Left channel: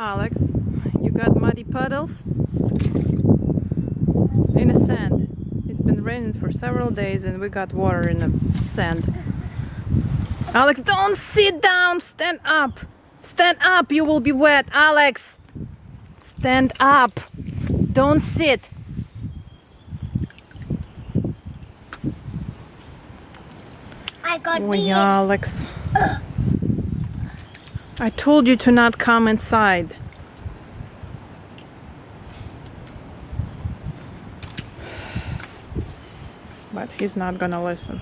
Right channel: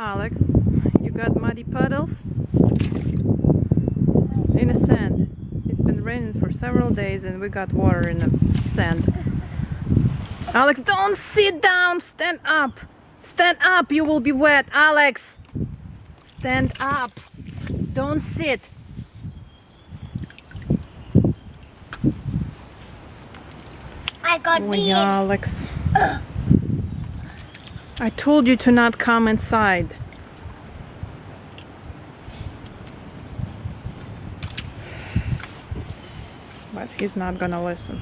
Alex, you got muddy puddles in the sand. It's been raining for several days and we got water in the sand. Alex, don't sit down! Stand up! Stand up! You will be wet, Alex! Stand up! Don't sit! I got Oh, these. Alex. I told you to not come inside. But he's not gonna listen.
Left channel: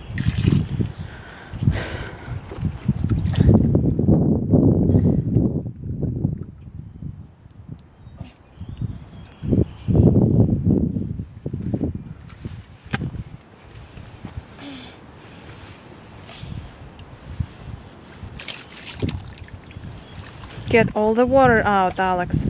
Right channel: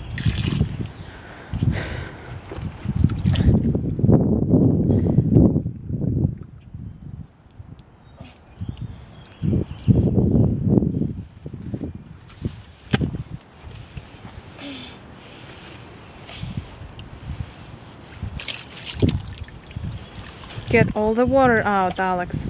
Get all the water out, Alex.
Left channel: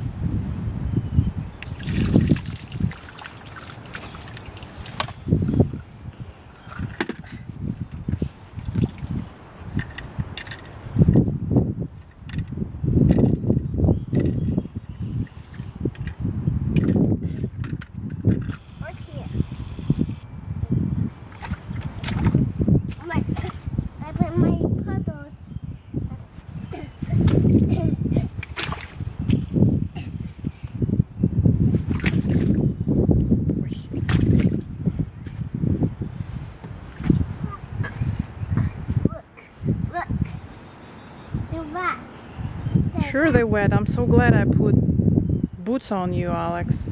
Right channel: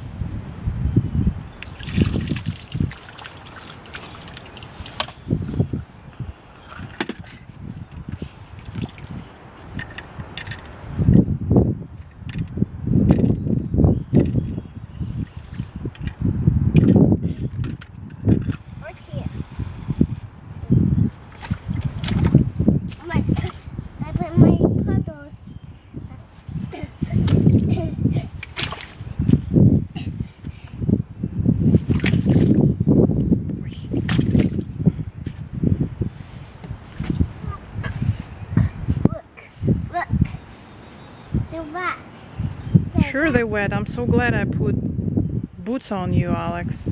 What's here? I put my puddles. Look. They're wet. Sure they're wet. I'm so glad I put boots on you, Alex.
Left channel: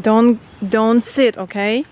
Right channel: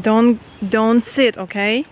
Don't sit, okay?